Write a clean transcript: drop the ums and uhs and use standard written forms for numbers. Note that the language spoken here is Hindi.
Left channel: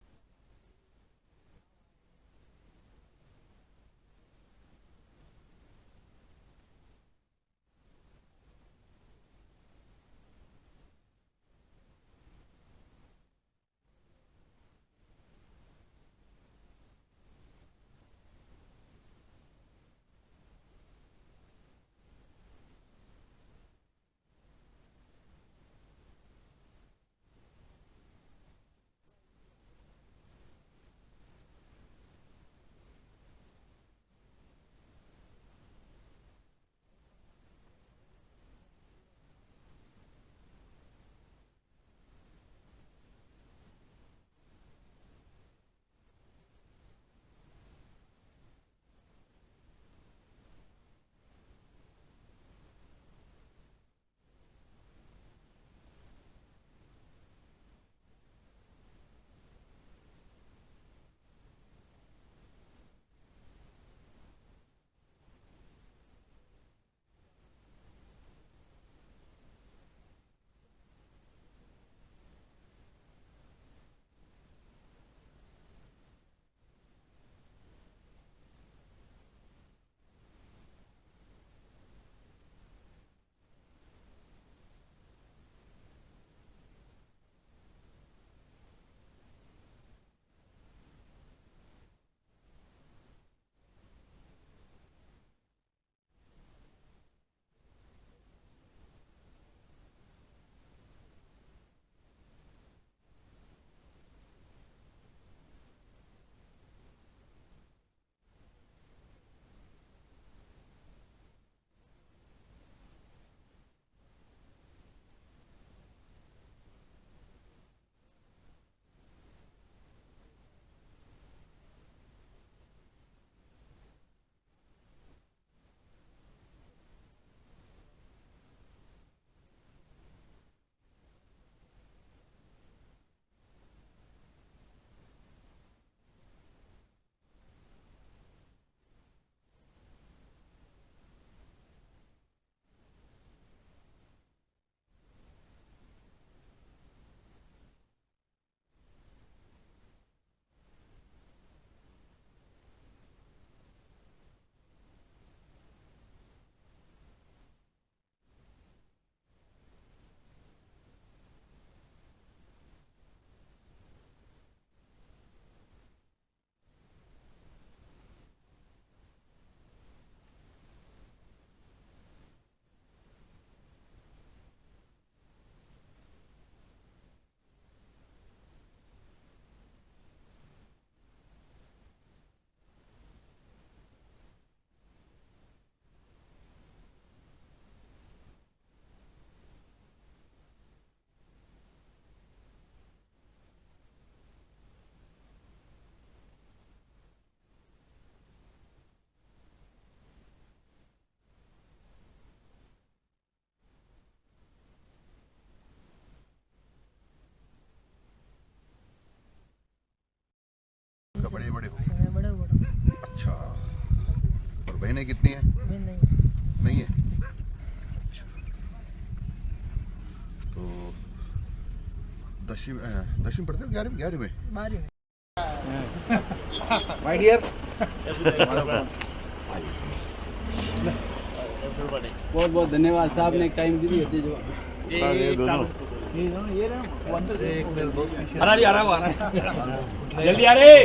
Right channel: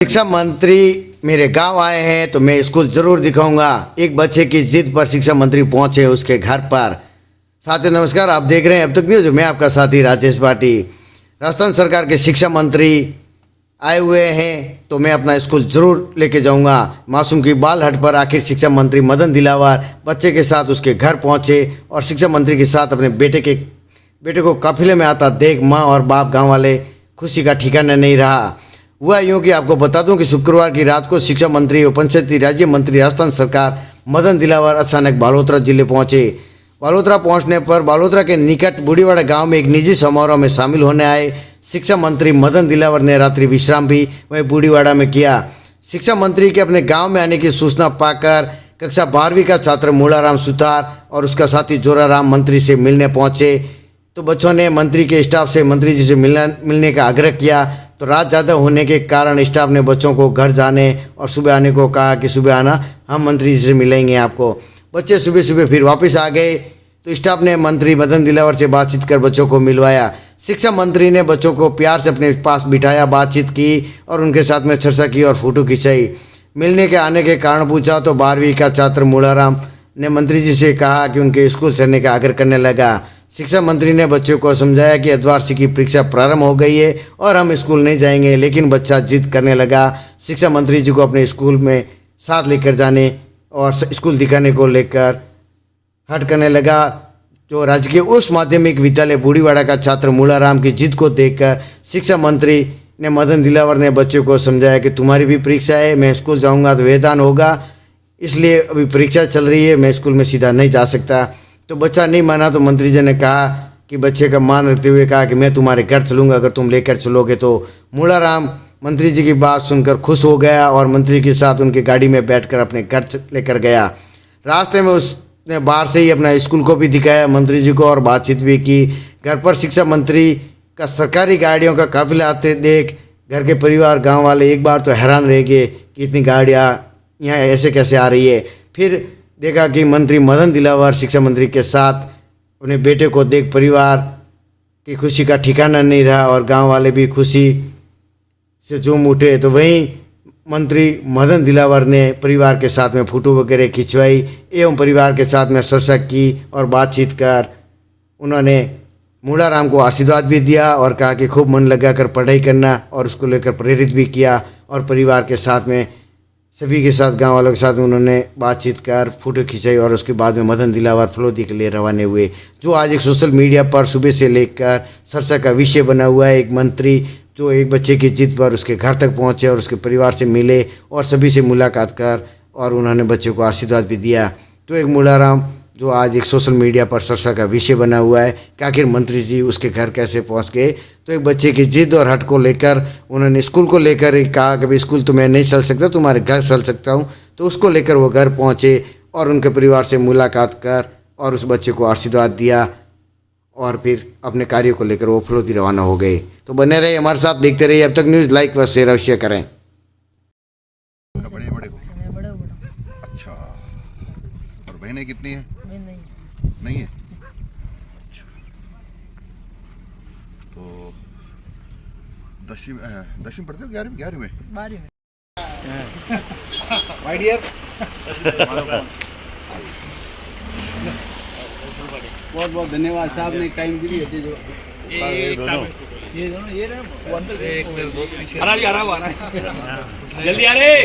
शिक्षा मंत्री मेरे गांव आए हैं तो मैं स्कूल जरूर दिखाऊंगा। एक बच्चे की जिद पर शिक्षा मंत्री पहुंचे उसके घर पर। साथियों नमस्कार, आप देख रहे हैं अब तक न्यूज। मैं आपका साथी राजेश भाटी। राजस्थान सरकार के शिक्षा मंत्री आए हुए हैं तो मैं अपना स्कूल जरूर लेके जाऊंगा। मासूम की बाल हट पर आखिर शिक्षा मंत्री मदन दिलावर बच्चे के साथ उसके घर पहुंचे और शिक्षा मंत्री के साथ अपने बेटे को काफिले में आता देख माँ और बाप गाँव वाले खुशी का ठिकाना नहीं रहा। हुआ यूँ कि आपको बता दूं कि शुक्रवार की रात को शिक्षा मंत्री और पंचायती राज्य मंत्री राजस्थान सरकार मदन दिलावर अचानक बालोतरा जिले पहुंचे। बालोतरा पहुंचने पर बालोतरा के निकट बूढ़ीवाड़ा गांव में एक निजी समारोह में शामिल होने आए शिक्षा मंत्री मदन दिलावर ने रात्रि विश्राम भी वहीं बूढ़ीवाड़ा में किया। शिक्षा मंत्री के अपने गाँव में आने की सूचना पाकर कक्षा 12वीं का छात्र मूलाराम सुतार और उसका साथी जोराराम मंत्री से मिलने पहुंचे तो बच्चों ने मंत्री के स्टाफ से मंत्री जी से मिलने का आग्रह किया। तो रात ज़्यादा होने के कारण स्टाफ ने बच्चों को घर जाने और सुबह आने को कहा कि सुबह आना, हम मंत्री जी से मिलेंगे आपको। बच्चे सुबह सुबह फिर वापस आ गए तो स्टाफ ने मंत्री मदन दिलावर से बातचीत कर बच्चों को मिलवाया। शिक्षा मंत्री ने बच्चों को प्यार से अपने पास बिठाया, बातचीत की और उनके साथ में चर्चा की और फोटो खिंचाई। मिलने के आने के कारण पूछा तो 12वीं का छात्र मूलाराम ने मंत्री जी से कहा कि उनके स्कूल चलने का आग्रह करने लगा। शिक्षा मंत्री ने बच्चों को समझाया कि अर्धवार्षिक की परीक्षा प्रारंभ हो गई है और हम स्कूल नहीं जाएंगे, लेकिन बच्चा जिद करने लगा। शिक्षा मंत्री जी को अपने स्कूल में साथ लेकर जाने और स्कूल दिखाने को लेकर हट करने लगा। जो राजकीय उच्च माध्यमिक विद्यालय बूढ़ीवाड़ा का छात्र मूलाराम की जिद को देखकर शिक्षा मंत्री ने मदन दिलावर ने बच्चों को समझाया कि तुम्हारी भी परीक्षा है, मैं स्कूल जाऊँगा तो वेतन होगा, इसलिए अभी परीक्षा चल रही है, मैं स्कूल में सीधा नहीं जा सकता। तो बच्चा नहीं माना तो मंत्री जी ने कहा कि बच्चे का मान रखते हुए कहा कि मैं तुम्हारे घर चलूँगा अगर तुम लेकर चलोगे तो। मूलाराम मंत्री जी की बात सुनकर खुश हो गया और मंत्री के साथ उनकी गाड़ी में बैठकर अपने घर लेकर गया। रास्ते में उसने बाहर से ही अपना स्कूल को भी दिखाया मंत्री जी को और बातचीत भी की। घर पर शिक्षा मंत्री का सरकारी गाड़ियों का काफिला आते देख घर के परिवार गाँव वाले एक बार तो हैरान रह गए कि इतनी गाड़ियाँ यहाँ ऐसे कैसे आ रही है। फिर देखा कि मंत्री मदन दिलावर शिक्षा मंत्री के साथ अपने बेटे को देख परिवार की खुशी का ठिकाना नहीं रहा और गांव वाले भी खुशी से झूम उठे। तो वहीं मंत्री मदन दिलावर ने परिवार के साथ में फोटो वगैरह खिंचवाई एवं परिवार के साथ में चर्चा की और बातचीत कर उन्होंने मूलाराम को आशीर्वाद भी दिया और कहा कि खूब मन लगाकर पढ़ाई करना और उसको लेकर प्रेरित भी किया। और परिवार के साथ में सभी के साथ गांव वालों के साथ में उन्होंने बातचीत कर फोटो खिंचाई और उसके बाद में मदन दिलावर फलोदी के लिए रवाना हुए। जो आज एक सोशल मीडिया पर सुबह से लेकर चर्चा का विषय बना हुआ है। एक मंत्री जो एक बच्चे की जिद पर उसके घर तक पहुंचे और उसके परिवार से मिले और सभी से मुलाकात कर और उन्होंने बच्चे को आशीर्वाद भी दिया। तो एक मूलाराम जो आज एक सोशल मीडिया पर चर्चा का विषय बना हुआ है कि आखिर मंत्री जी उसके घर कैसे पहुंच गए। तो एक बच्चे की जिद और हट को लेकर उन्होंने स्कूल को लेकर कहा कि भाई स्कूल तो मैं नहीं चल सकता, तुम्हारे घर चल सकता हूं। तो उसको लेकर वो घर पहुंचे और उनके परिवार से मुलाकात कर और उस बच्चे को आशीर्वाद दिया और फिर अपने कार्यों को लेकर वो फलोदी रवाना हो गए। तो बने रहे हमारे साथ, देखते रहिए अब तक न्यूज़। लाइक व शेयर अवश्य करें। बड़े बड़े अच्छा, और बहनें कितनी है? नहीं है। अच्छा। तो 10वीं पढ़ते हो? 11वीं में? 12वीं में। माय डियर बहुत बहुत धन्यवाद साहब ने टाइम दी है। जो एक साहब ये दोनों ये ना एक मेरे दोस्त पीछे आ रहा जल्दी आ रहे